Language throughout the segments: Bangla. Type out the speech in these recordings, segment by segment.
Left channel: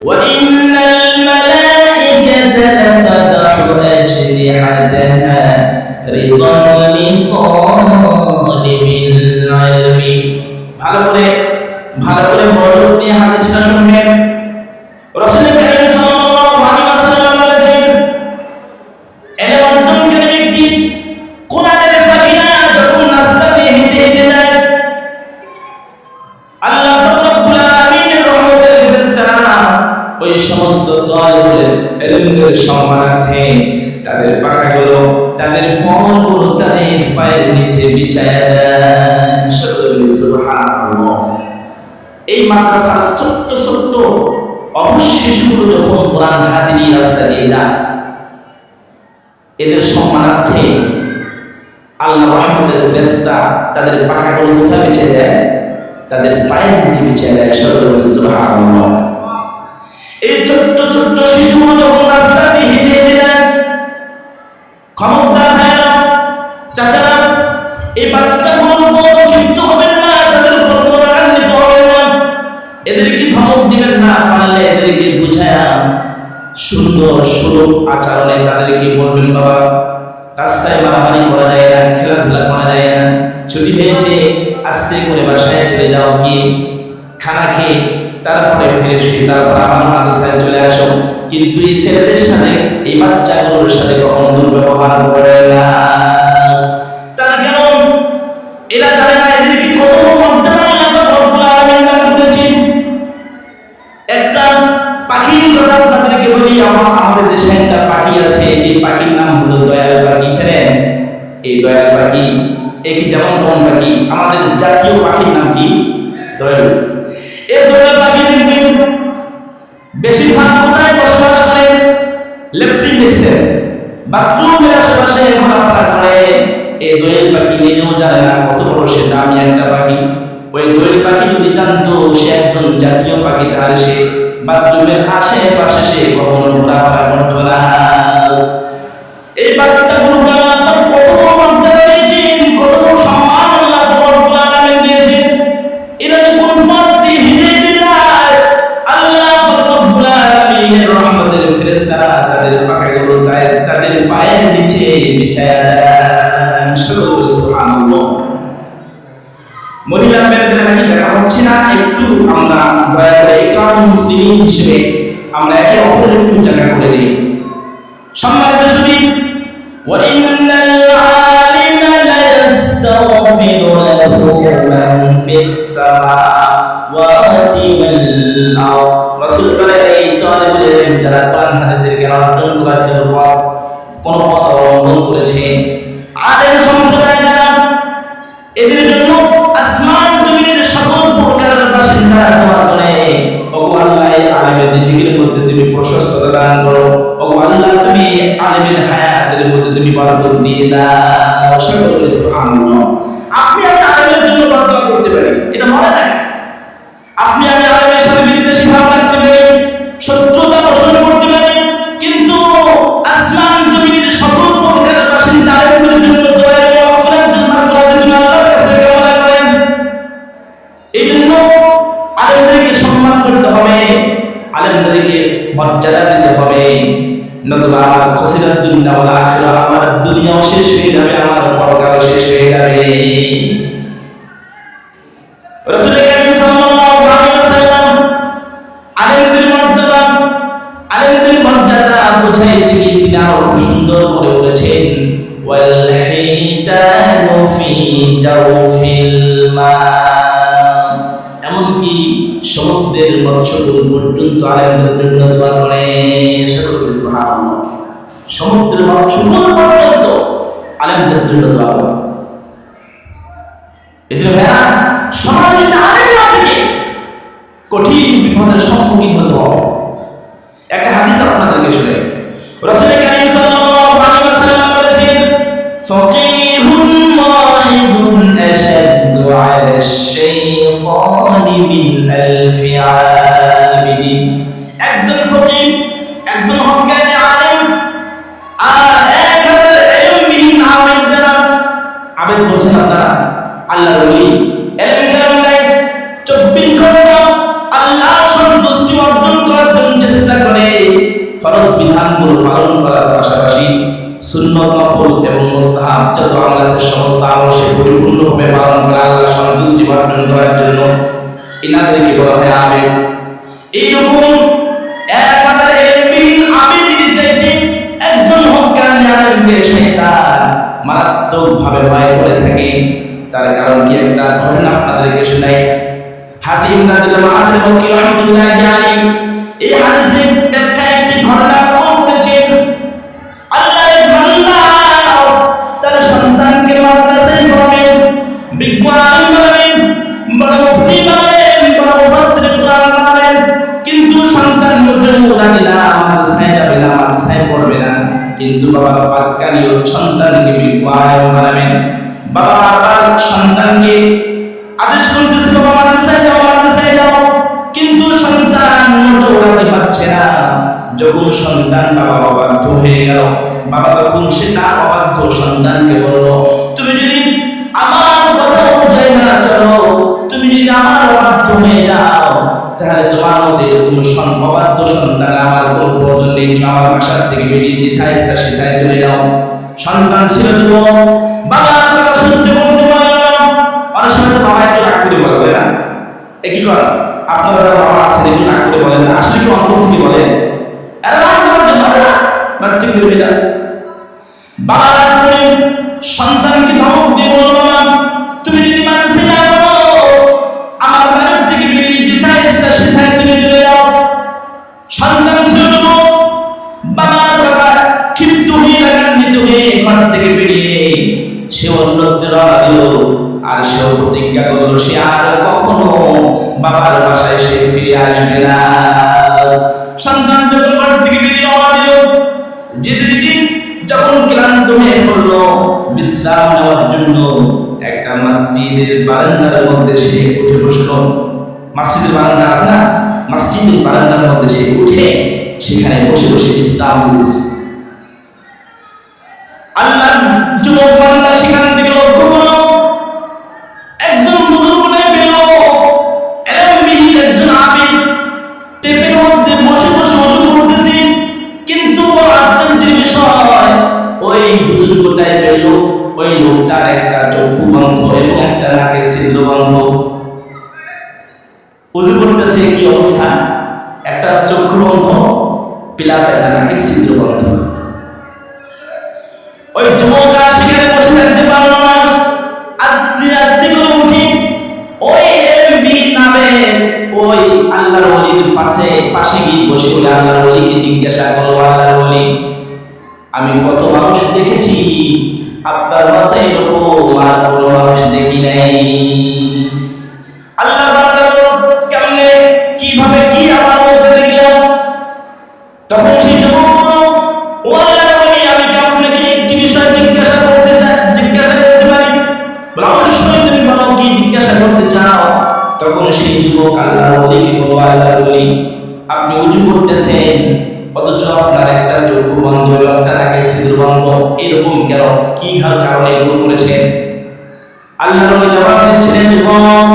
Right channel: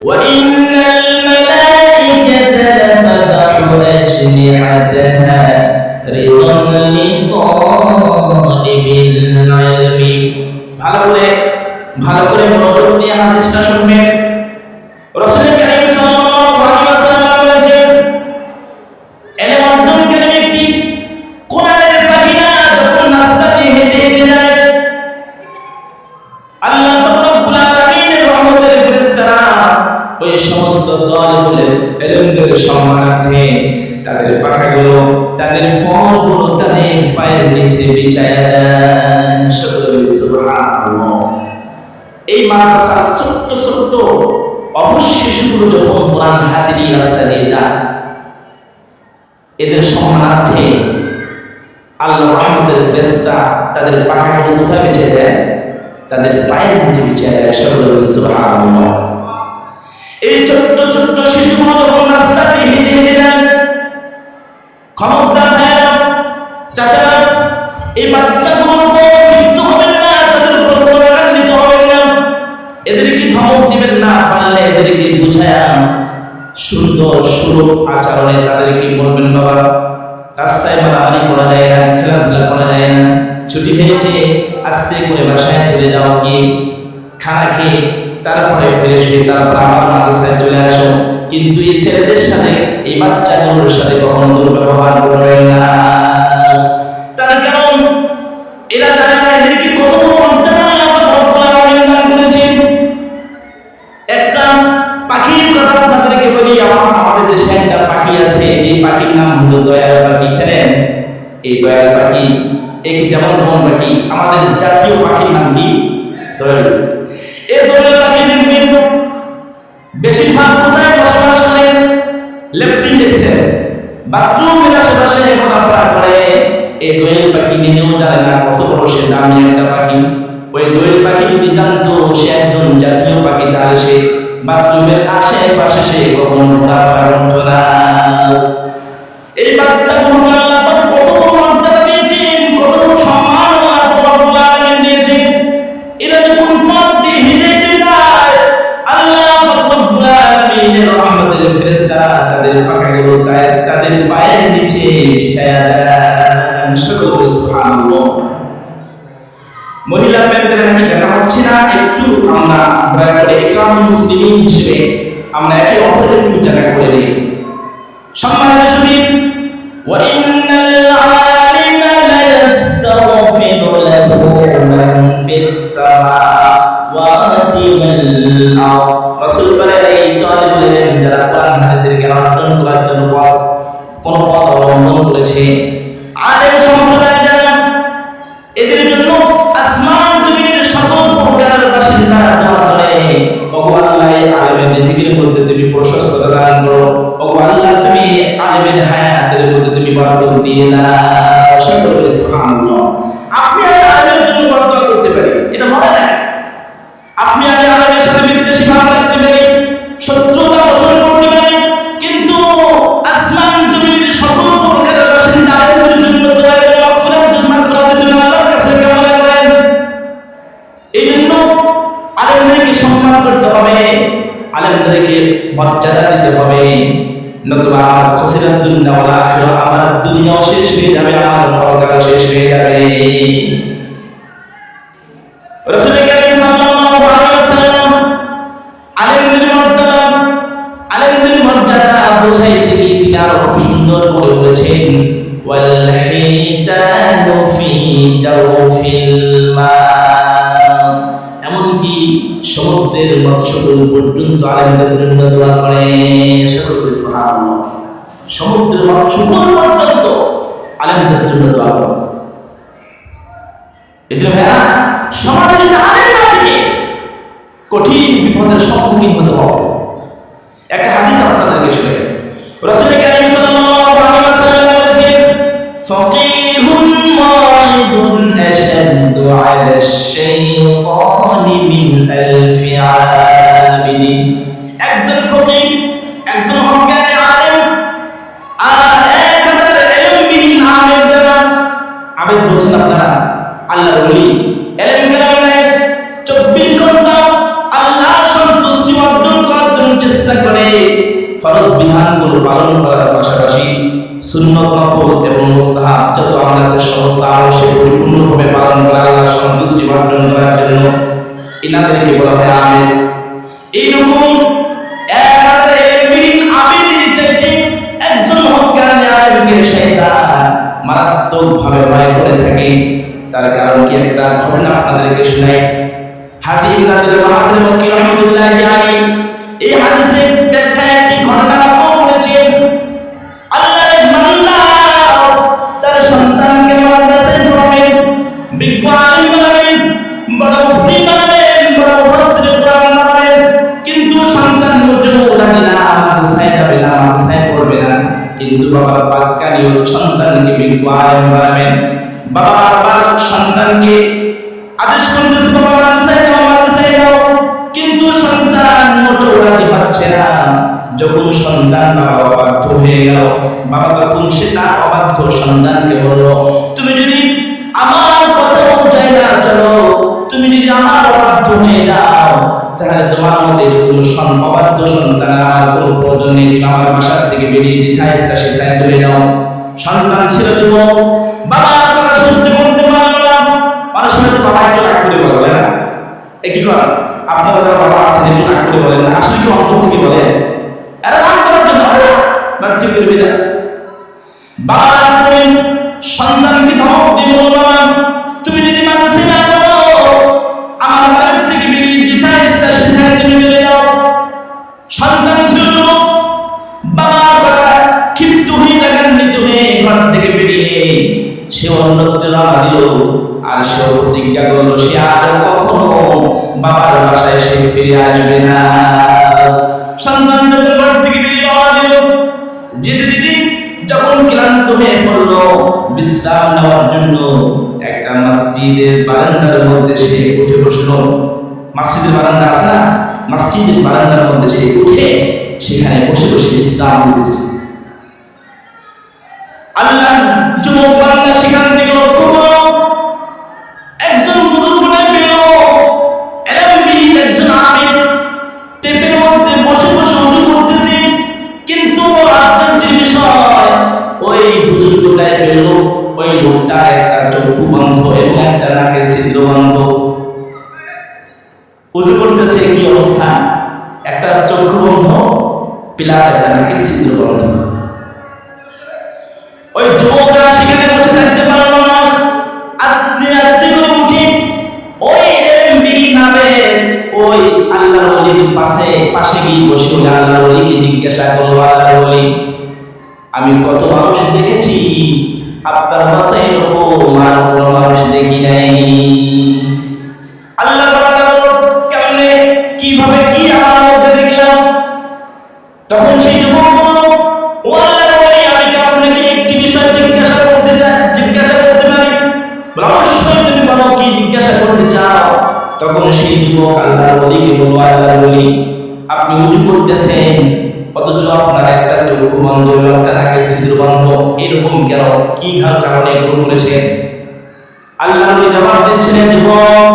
وإن الملائكة لتضع أجنحتها رضا لطالب العلم। ভালো করে মনোযোগ দিয়ে হাদিসটা শুনবেন। রাসূল কারীম সাল্লাল্লাহু আলাইহি ওয়াসাল্লাম বলেছেন, ইলম অর্জনকারী ব্যক্তি কোরআনের পাখি না, যখন রাস্তা দিয়ে হেঁটে হেঁটে যায়, আল্লাহ পাক রব্বুল আলামিনের রহমতের ফেরেশতারা ওই সমস্ত তালিবুল ইলমদের সম্মানার্থে তাদের পাখাগুলো, তাদের পরগুলো তাদের পায়ের নিচে বিছায়া দেন। সুবহানাল্লাহ। এই মাদ্রাসার ছোট্ট ছোট্ট অবশ শিশুগুলো যখন কোরআন হাতে নিয়ে রাস্তা দিয়ে যায়, এদের সম্মানার্থে আল্লাহ রহমতের ফেরেশতা তাদের পাখাগুলো কোথায় বিছিয়ে দেয়? তাদের পায়ের নিচে বিছিয়ে দেয়। সকলে বলে সুবহানাল্লাহ। এই ছোট্ট ছোট্ট শিশুগুলো যখন রাস্তা দিয়ে হেঁটে হেঁটে যায়, খবরদার ভাইরা, চাচারা, এই বাচ্চাগুলোর উপর ক্ষিপ্ত হবেন না, তাদের উপর কোনো রাগান্বিত হবেন না, এদেরকে ধমক দিবেন না, পারলে এদেরকে বুঝায়া সুন্দর সুলভ আচরণে তাদেরকে বলবেন, বাবা রাস্তায় মারামারি করা যায় না, খেলাধুলা করা যায় না, ছুটি হয়েছে, আস্তে করে বাসায় চলে যাও, গিয়ে খানা খেয়ে তারপরে ফিরে এসে তারপর আবার মাদ্রাসায় চলে আসো। কিন্তু এই ছেলেদের সাথে, এই বাচ্চাগুলোর সাথে কখনো দুর্ব্যবহার করবেন না। তার কারণ এরা জানে না এদেরকে কত বড় মর্যাদা আল্লাহ পাক রব্বুল আলামিন দান করেছেন। একটা পাখির কথা আপনাদেরকে বলি। আমাদের দেশে একটা পাখি আছে, যে পাখির নাম হলো দয়াল পাখি। জানেন এই দয়াল পাখি কি যেমন তেমন পাখি? আমাদের জাতীয় পাখির নাম কি? দয়াল। এই দয়াল পাখি দেখবেন বেশিরভাগ কোথায় বসবাস করে? লেফটিন দেখছেন, বাথরুমের আশেপাশে ঘোরাফেরা করে। এই দোয়েল পাখি নিজেও জানে না কত বড় সে দামি একটা পাখি। ওই দোয়েল পাখি যদি জানতো সে একজন জাতীয় পাখি, তাহলে সে বাথরুমের আশেপাশে সে কখনো ঘোরাফেরা করতো না। এই বাচ্চাগুলোকে আল্লাহ পাক কত বড় মর্যাদা দিয়েছেন, কত বড় সম্মান আল্লাহ পাক রব্বুল আলামিন দিয়েছেন। এরা যখন পথ দিয়ে হেঁটে হেঁটে যায়, আল্লাহ পাক রব্বুল আলামিনের রহমতের ফেরেশতারা তাদের পাখাগুলো তাদের পায়ের নিচে বিছায়া দেন। সকল বলে সুবহানাল্লাহ। মহিলা প্যানেলে নাকি দেখা হচ্ছে না, একটু আমরা দয়া করে ইকরামুল মুসলিমিন হিসেবে আমরা একে অপরের একটু জায়গা করে দিই। সম্মানিত সুধী, ওয়া ইন্নাল আলিমা লা ইস্তাগফিরু লাহু মান ফিস সামাওয়াতি ওয়াল আরদ। রাসূল বলেন, এই তালিবুল ইলম যারা কোরআন হাদিসের জ্ঞান অর্জন করার জন্য কোন পথ অবলম্বন করেছে, আলেম সম্প্রদায় যারা, এদের জন্য আসমান জমিনের সকল প্রকারের বাসিন্দারা দোয়া করে, ওগো আল্লাহ আলেমের রিজিকের মধ্যে তুমি প্রশস্ততা দান করো, ওগো আল্লাহ তুমি আলেমের হায়াতের মধ্যে তুমি বরকত দিয়ে দাও। সকল বলে সুবহানাল্লাহ। আপনি আমি আলেমের জন্য দোয়া করতে পারি, এটা মনে না। আপনি আমি আলেমের সাথে বিদ্বেষী ভাব রাখতে পারি, শত্রুতা পোষণ করতে পারি, কিন্তু আসমান জমিনের সকল প্রকারের বাসিন্দা আলেমদের জন্য দোয়া এবং মাগফিরাতের জন্য আল্লাহর কাছে কামনা করেন। এই জন্য আলেমদেরকে সম্মান করতে হবে, আলেমদেরকে মর্যাদা দিতে হবে, নতুবা আমার খসিরাত দুনিয়া ওয়াল আখিরা, আমার দুনিয়াও শেষ হয়ে যাবে, আমার পরকালও শেষ হয়ে যাবে। রাসূল কারীম সাল্লাল্লাহু আলাইহি ওয়াসাল্লাম আলেমদের মর্যাদা বুঝাইতে গিয়ে তিনি আরো খুব সুন্দর করে বলেছেন, ওয়াল হিতানু ফি জাওফিল মা। এমনকি সমুদ্রের মৎস্যকুল পর্যন্ত আলেমদের জন্য দোয়া করে। সকল সুবহানাল্লাহ। সমুদ্রের মৎস্যকুল পর্যন্ত আলেমদের জন্য দোয়া করে। এদের ভাইরা, সমাজে যদি আলেম না থেকে কঠিন বিপদের সম্মুখীন হতে হবে। একটা হাদিস আপনাদেরকে শুনে, রাসূল কারীম সাল্লাল্লাহু আলাইহি ওয়াসাল্লাম বলেছেন, ফাকিহুন মাইদুন আশাদ্দু আলাশ শাইতানি মিন আলফি আবিদিন। একজন ফকিহ, একজন হক্কানি আলেম, আর 1000 ইলমবিহীন আবেদ যারা, আবেদ বলছেন আপনারা আল্লাহর ওলি, ইলম কালাম নাই, 24 ঘন্টা আল্লাহর সন্তুষ্টি অর্জন করার জন্য ফরজ বিধানগুলো পালন করার পাশাপাশি সুন্নত, নফল এবং মুস্তাহাব যত আমল আছে সমস্ত আমল সে পরিপূর্ণভাবে পালন করে আল্লাহর সন্তুষ্টি অর্জন করার জন্য ইনাদেরকে বলা হয় আবেদ। এইরকম 1000 ইলমবিহীন আবেদের চাইতে একজন হক্কানি আলেমকে শয়তান মারাত্মকভাবে ভয় করে থাকে। তার কারণ কি, একটা ঘটনা আপনাদেরকে শোনাই। হাজি ইমদাদুল্লাহ মাহাথির মক্কি রাহমাতুল্লাহি আলাইহি এই হাদিসের ব্যাখ্যায় একটি ঘটনা নকল করেছেন। আল্লাহর এক বান্দা তার সন্তানকে মাদ্রাসায় পড়াবেন, বিজ্ঞ আলেম বানাবেন, বড় মুফতি বানাবেন, বড় মুফাসসির কোরআন বানাবেন, কিন্তু সন্তান মোটেও রাজি না, মাদ্রাসায় যাবে না, মাদ্রাসায় পড়বে না। কিন্তু বাবার বাক্যানিও সন্তানকে বিজ্ঞ আলেম বানাবেন। বাবা বারবার সন্তানকে আদেশ করতেছে, বাবা মাদ্রাসায় যাও, মাদ্রাসায় যাও, কিন্তু সন্তান মোটেও রাজি হচ্ছে না। যখন সন্তান বাবা অবাধ্য হয়ে গেল, বাবা তখন সে তার অবাধ্য সন্তানকে বলল, তুমি যদি আমার কথা অনুযায়ী না চলো, তুমি যদি আমার অবাধ্য হয়ে যাও, তাহলে তোমার মতো এরকম অবাধ্য সন্তান আমার কোনো প্রয়োজন নেই, তুমি আমার বাসার থেকে বেরিয়ে যেথায় ইচ্ছা সেটাই চলে যাও। সন্তান ছিল যুবক, বাবার কথা সহ্য করতে পারল না। অনেক সময় তো বাবা একটু রাগ করে বলে না, কি কর আপনারা যারা বাবা আছেন একটু রাগ করে বলেন না, আসলে কি অন্তর থেকে বলেন? আরে রাগ করার জন্য ঠিক বেরোবে যা। বাবা রাগ করে সন্তানকে ধমক দিয়ে বলল, বাবা তুমি যদি মাদ্রাসায় না পড়ো, আমার বাড়ির থেকে বেরিয়ে যেথায় ইচ্ছা সেটাই তুমি চলে যাও। সন্তান ছিল যুবক, বাবার কথা ক্ষিপ্ত হয়ে রাগান্বিত হয়ে ঘর থেকে বেরিয়ে সে অন্যত্র রওনা দিল। আর সে প্রতিজ্ঞা করলো সে আর কখনো বাবার বাসায় সে ফিরে আসবে না। সন্তান যখন ঘর থেকে বেরিয়ে রওনা দিল, যেতে যেতে যখন ক্লান্ত হয়ে পড়ল, বিশ্রাম নেওয়ার জন্য একটা মসজিদের বারান্দার মধ্যে সে উঠে বসলো। মসজিদের বারান্দা আছে না, মসজিদের বারান্দার মধ্যে সে উঠে সেখানে বসে বসে বিশ্রাম নিতেছে। আল্লাহর যুবক বান্দা সেখান থেকে লক্ষ্য করলো একজন বুজুর্গ পেল, এলমবিহীন একজন আবেদ টেপের মধ্যে বসে বসে ওযু করতেছে। কিন্তু বড় আশ্চর্যের বিষয়, ওই বুজুর্গ টাইপের লোক, ওই লোকটার একটা চক্ষু বন্ধ এবং একটা নাকের ছিদ্র বন্ধ। ওযু করতেছে কি অবস্থা, একটা চক্ষু বন্ধ প্লাস একটা নাকের ছিদ্র বন্ধ। ওই যুবক আর সেখানে বসে থাকতে পারল না, আস্তে আস্তে করে উঠি ওই এলমবিহীন আবেদ ওই আল্লাহর ওলির পাশে গিয়ে বসে ওই আল্লাহর ওলিকে জিজ্ঞাসা করলো, আল্লাহর ওলি আমি কত মানুষ দেখেছি, আপনার মতো এরকম আর কোনো মানুষ দেখি নাই। আল্লাহর বান্দা বলল, কেমনে, কিভাবে, কি আমার মধ্যে দেখলাম? তখন সেই যুবক বলল, ও আল্লাহর ওলি আমি কি আপনাকে একটি বিষয় জিজ্ঞাসা করতে পারি? অবশ্যই তুমি বলো, কি জিজ্ঞাসা করতে চাও? তখন সেই যুবক আল্লাহর ওলিকে বলল, আল্লাহর ওলি আপনি উযু করতেছেন অথচ আপনার একটা চক্ষু বন্ধ এবং একটা নাকের ছিদ্র বন্ধ, এরকম কেন, কি কারণে এগুলো করেছেন? আল্লাহর ওলি জবাব দিচ্ছেন, যুবক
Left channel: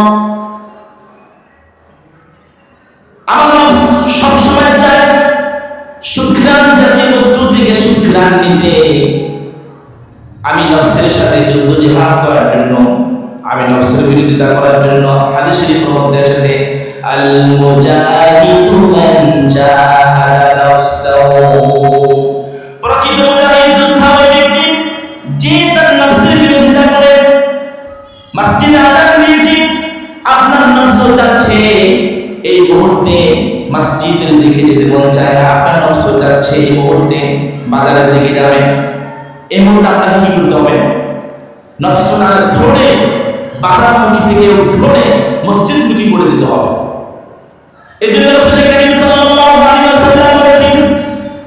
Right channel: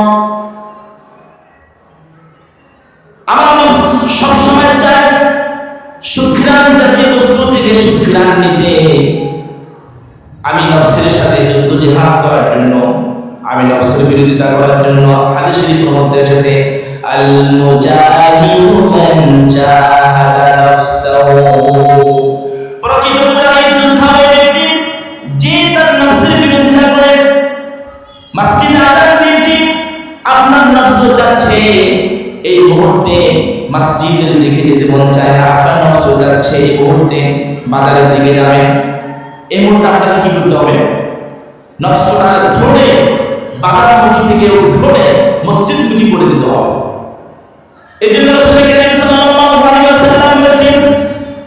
আমার নফস সবসময় চায় সুঘ্রাণ জাতীয় বস্তু থেকে সুঘ্রাণ নিতে। আমি নফসের সাথে যুদ্ধ জিহাদ করার জন্য, আমি নফসের বিরোধিতা করার জন্য, হাদিস শরীফের মধ্যে এসেছে আল মুজাহিদু মান জাহাদা নাফসাহু, প্রকৃত মুজাহিদ যোদ্ধা ওই ব্যক্তি যে তার নফসের বিরোধিতা করে। মসজিদে আযান দিয়েছি, আপনার নফস চাচ্ছে এই মুহূর্তে মসজিদের দিকে যেতে মন চায় না, আপনার নফস চাচ্ছে এই মুহূর্তে বাজারের দিকে যাবেন। এই মুহূর্তে আপনাকে কি করতে হবে? নফসটা ধরে বাজারমুখী থেকে ধরে মসজিদমুখী করে দিতে হবে। এই জন্য রাসূল কারীম সাল্লাল্লাহু আলাইহি ওয়াসাল্লাম বলেছেন,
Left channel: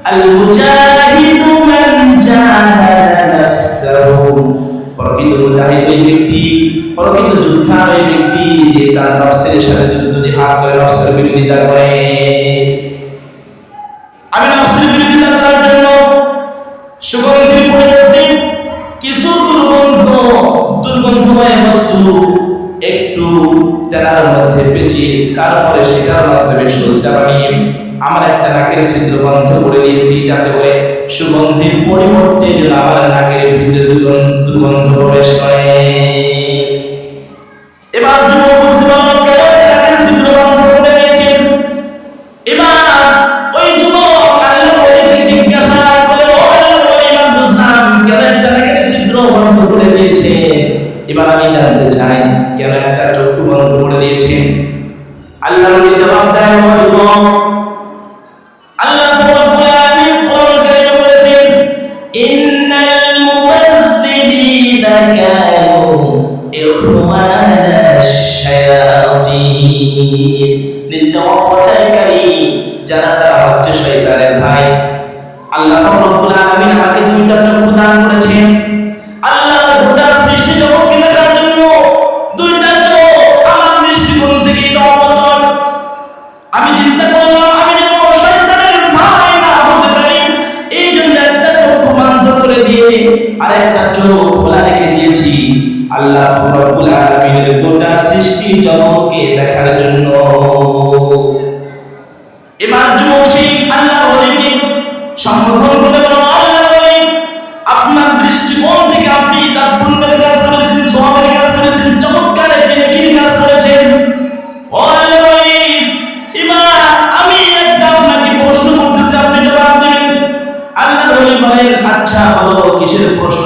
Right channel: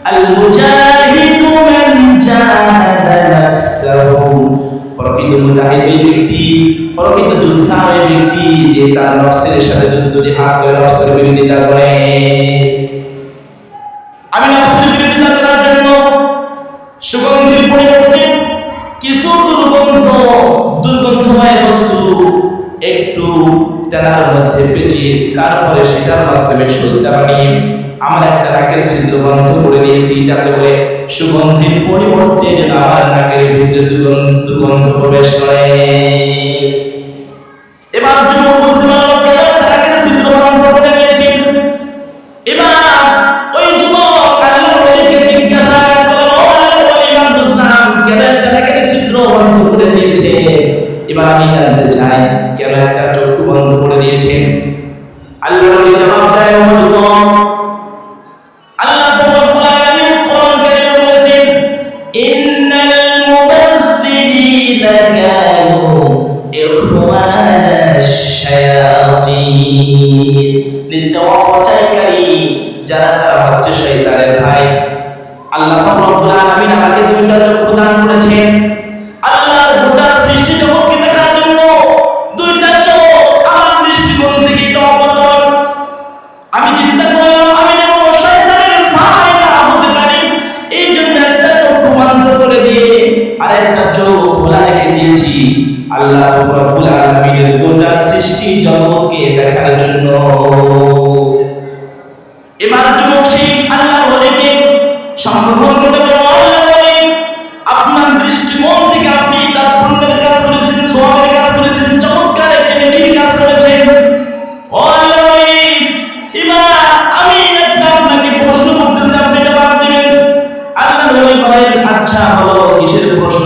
আল মুজাহিদু মান জাহাদা নাফসাহু, প্রকৃত মুজাহিদ ওই ব্যক্তি, প্রকৃত যোদ্ধা ওই ব্যক্তি যে তার নফসের সাথে যুদ্ধ জিহাদ করে, নফসের বিরোধিতা করে। আমি নফসের বিরোধিতা করার জন্য সুগন্ধির পরিবর্তে কিছু দুর্গন্ধময় বস্তু একটু তেলার মধ্যে পেঁচিয়ে তারপরে সেটার মাধ্যমে সজ্জা বানিয়ে আমার একটা নাকের ছিদ্র বন্ধ করে দিয়েছি, যাতে করে সুগন্ধির পরিবর্তে যেন আমার নাকের ভিতরে দুর্গন্ধ প্রবেশ করে। এবার যুবক বুঝতে পারল কেন একটা নাকের ছিদ্র বন্ধ করে দিয়েছেন। এবার ওই যুবক আল্লাহর ওলিকে জিজ্ঞাসা করলেন, ও আল্লাহর ওলি, এবার বুঝলাম কেন একটা নাকের ছিদ্র বন্ধ করে দিয়েছে। এবার আমি জানতে চাই কেন একটা চক্ষু বন্ধ করে দিয়েছেন। আল্লাহর ওলি জবাব দেয়, ও যুবক, আল্লাহ রাব্বুল আলামিন কোরআন কারীমে বলেছেন, ইন্নাল মুবাযযিরিনা কানু ইখওয়ানাশ শায়াতিন, নিশ্চয় অপচয়কারী যারা তারা হচ্ছে শয়তানের ভাই। আল্লাহ রাব্বুল আলামিন আমাকে দুইটা চক্ষু দান করেছেন আল্লাহর গোটা সৃষ্টি জগৎকে দেখার জন্য। দুইটা চোখ আমার দৃষ্টিকোণ থেকে এটা অপচয়। আমি চিন্তা করলাম আমি যেন শয়তানের ভাই না হতে পারি, এই জন্য একটা চক্ষু বন্ধ করে দিয়ে আর একটা চোখ খোলা রেখে দিয়েছি আল্লাহ রাব্বুল আলামিনের গোটা সৃষ্টি জগৎকে দেখার জন্য। এবার যুবক সেই আল্লাহর ওলিকে সম্বোধন করে বলল, আল্লাহর ওলি, আপনার দৃষ্টিকোণ থেকে আপনি এটা পুণ্যের কাজ করেছেন, সওয়াবের কাজ করেছেন, চমৎকার একটা নেকির কাজ করেছেন। ও আল্লাহর ওলি, এবার আমি একটা আপনাকে প্রশ্ন করতেছি, আপনি জবাব দিবেন। আল্লাহর ওলি বলেন, আচ্ছা বলো কিসের প্রশ্ন?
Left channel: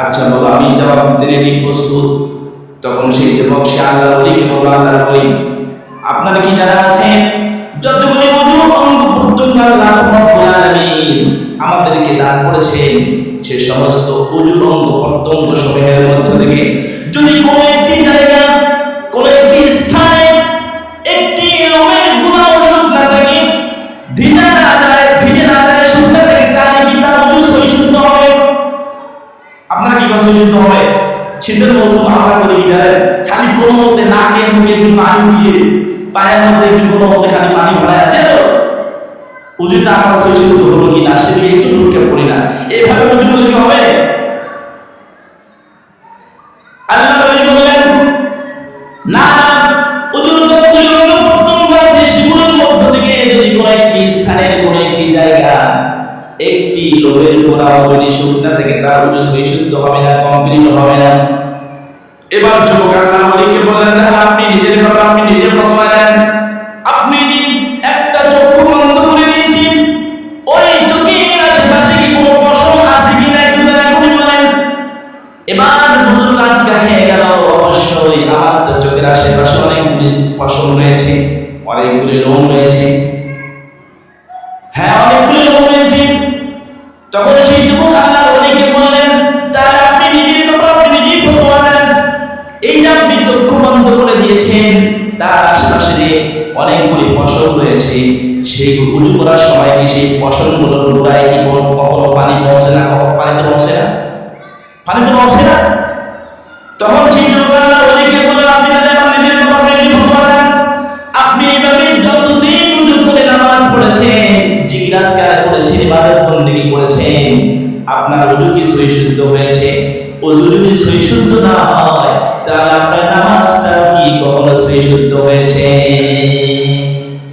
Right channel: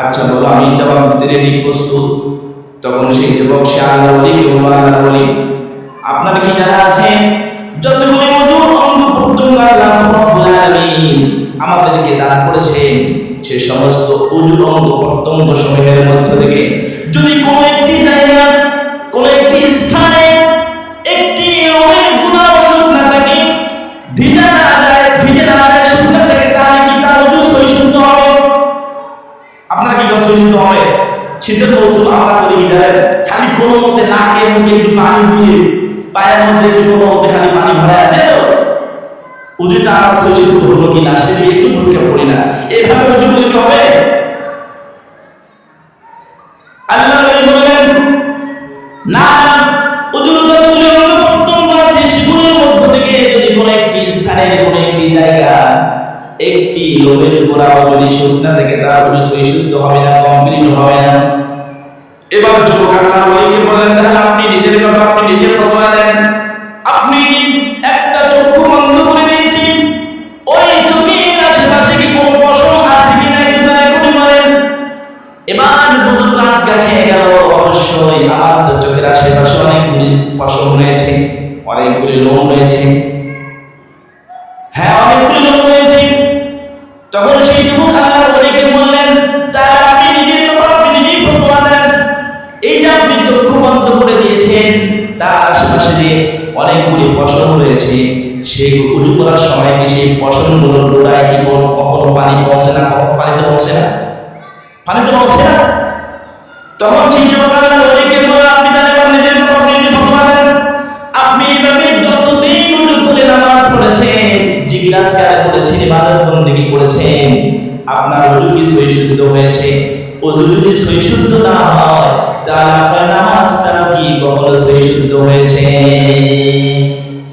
আচ্ছা বলো, আমি জবাব দিতে রেডি, প্রস্তুত। তখন সেই যুবক সে আল্লাহর ওলিকে বলল, আল্লাহর ওলি, আপনার কি জানা আছে যতগুলি ওযুর অঙ্গ প্রত্যঙ্গ আল্লাহ রাব্বুল আলামিন আমাদেরকে দান করেছেন, সে সমস্ত ওযুর অঙ্গ প্রত্যঙ্গ সমূহের মধ্য থেকে যদি কোনো একটি জায়গা, কোনো একটি স্থানে একটি লোমের গুণা ওষুধ না থাকে, ভিজে না যায়, শুকনা থাকে, তাহলে কি তার ওযু সহিশুদ্ধ হবে? আপনারা কি কোন সহিশুদ্ধ হবে? শীতের মৌসুম আমরা করি কি জানেন? খালি কোনো মতে নাকে মুখে একটু পানি দিয়ে, পায়ের মধ্যে একটু কোনো মতে খালি পানি ভরায় আছে তো ওযুটা আমার সহিশুদ্ধ হলো কিনা সেদিকে একটু পরীক্ষা করি না। এইভাবে ওযু করলে কি হবে? আল্লাহর ওলি বললেন, না না, ওযুর যতগুলো অঙ্গ প্রত্যঙ্গ আছে সেগুলোর মধ্য থেকে যদি কোনো একটি স্থানের কোনো একটি জায়গা একটি লোমের গোড়াও যদি শুকনা থেকে তার ওযু সহিশুদ্ধ হবে না, কমপ্লিট হবে না। এবার যুবক আল্লাহর ওলিকে বললেন, তাহলে আপনি নিজের ব্যাপারে আপনি নিজে ফতোয়া দেন। আপনি একটা চক্ষু বন্ধ করে দিয়েছেন, ওই চোখের আশেপাশে কি কোনো পশম আছে কিনা একটু দয়া করে বলেন। এবার বুজুর্গ আটকা খেয়ে গেল, অবশ্যই আমার তো চোখের আশেপাশে অনেকগুলি পশম রয়েছে, অনেকগুলি লোম রয়েছে। হ্যাঁ, অনেকগুলি লোম রয়েছে। তখন সেই যুবক আল্লাহর ওলিকে বললেন, তাহলে আপনি নিজের ব্যাপারে আপনি নিজেই ফতোয়া দেন। এই যে আপনি চক্ষু বন্ধ করে দিয়েছেন, তার আশেপাশে যে অনেকগুলি পশম রয়েছে, সেই উজু করার সময় কি সেই পশমগুলোর গোড়ায় কি কখনো পানি পৌঁছে না? পানি তো পৌঁছে না, পানি তো পৌঁছে না। তখন সেই যুবক আল্লাহর ওলিকে বললেন, আপনি তাহলে এবার নিজের ব্যাপারে আপনি নিজে ফতোয়া দেন। আপনি এইভাবে যতদিন উজু করে নামাজ পড়েছেন, জিকির-আজকার করেছেন, ইবাদত বন্দেগী করেছেন, আপনার উজু কি সহিশুদ্ধ হয়েছে? উজু যদি সহিশুদ্ধ না হয় তাহলে আপনার নামাজটা কি কখনো সহিশুদ্ধ হয়েছে?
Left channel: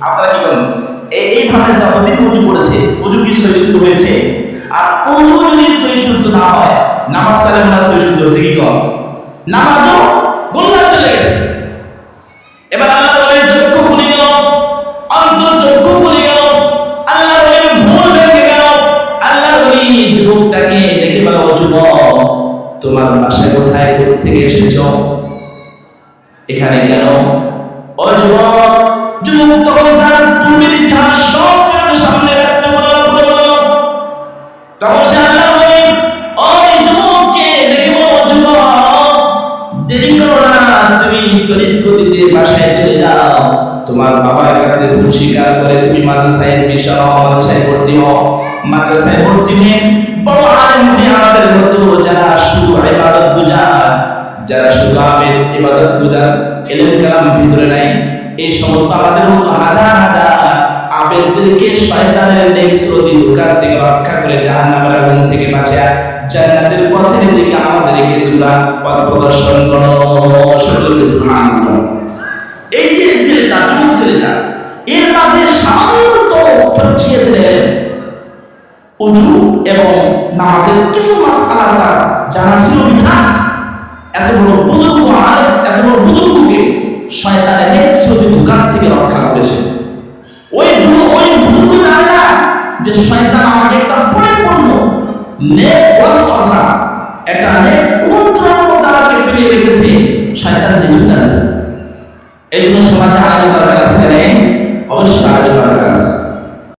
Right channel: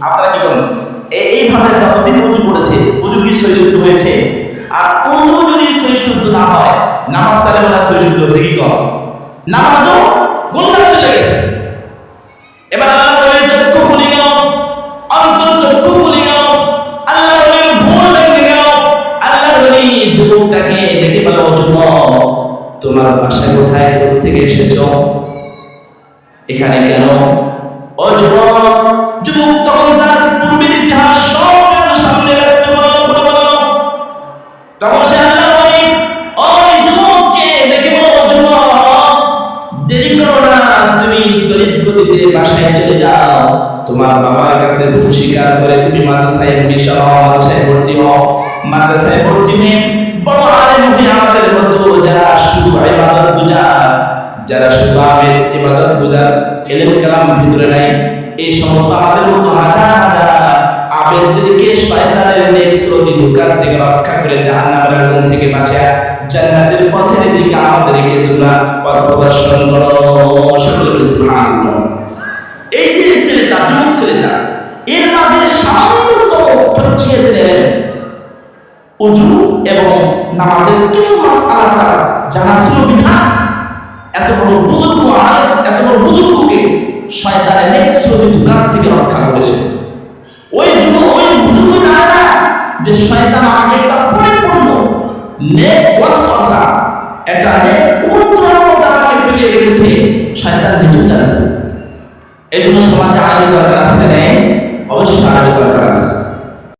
আপনারা কি বলেন? এইভাবে যতদিন উজু করেছে, উজু কি সহিশুদ্ধ হয়েছে? আর উজু যদি সহিশুদ্ধ না হয়, নামাজ তাহলে মনে হয় সহিশুদ্ধ হয়েছে কি কম? নামাজও গোলমাল চলে গেছে। এবার আল্লাহর ওলির চক্ষু খুলে গেল, অন্তর চক্ষু খুলে গেল, আল্লাহর ওলির ভুল ভেঙে গেল। আল্লাহর ওলি যুবকটাকে ডেকে বলে, ও যুবক, তোমার বাসা কোথায়, কোত্থেকে এসেছো, এখানে কেন? ও যুবক, যুবক তখন তার পূর্বের ইতিহাস সব সামনে ব্যক্ত করল, খুলে বলল। তখন সে আল্লাহর ওলি ওই যুবককে ডেকে বলো, ও যুবক, দেরি করো না, তুমি তড়িৎ গতিতে বাসায় চলে যাও, তোমার বাবার কাছে ভুল স্বীকার করে তুমি মাদ্রাসায় এডমিশন হও, মাদ্রাসায় ভর্তি হও। মাদ্রাসায় ভর্তি হয়ে বড় আলেম হয়ে আমাদের মতো যারা শুধু ইবাদত গুজার, যারা শুধু আবেদ ইবাদত গুজার, ইলম কালাম ভিতরে নাই, এই সমস্ত আমাদের মতো হাজার হাজার আবেদদেরকে শয়তানের নেক্সরতি ধোঁকার থেকে রক্ষা করে জাহান্নামের আগুন থেকে বাঁচিয়ে জান্নাতের পথের দিকে আমাদেরকে তোমরা পথ প্রদর্শন করো। সকলে বলি সুবহানাল্লাহ। এই যে ছেলেটা, যুবক ছেলেটা, এর মাঝে সামান্যতম ফরজিয়াত নেবেন, উজু এবং নামাজের কিছু মাসআলা তার জানা ছিল বিধান এত বড় বুজুর্গ আলেম, এত বড় বুজুর্গকে শয়তানের নেক্সিয়তি ধোঁকার থেকে রক্ষা করেছে। ওই বুজুর্গ জানে না যে শয়তান আমাকে একটা পরিপূর্ণ নেক ওয়াসওয়াসা, একটা নেক কুমন্ত্রণার মধ্যে আমাকে ফেলিয়ে রেখেছে, শয়তান নিজেও জানত। এই জন্য সমাজে আলেমের দরকার আছে না? নেই? অবশ্যই আলেমের দরকার আছে।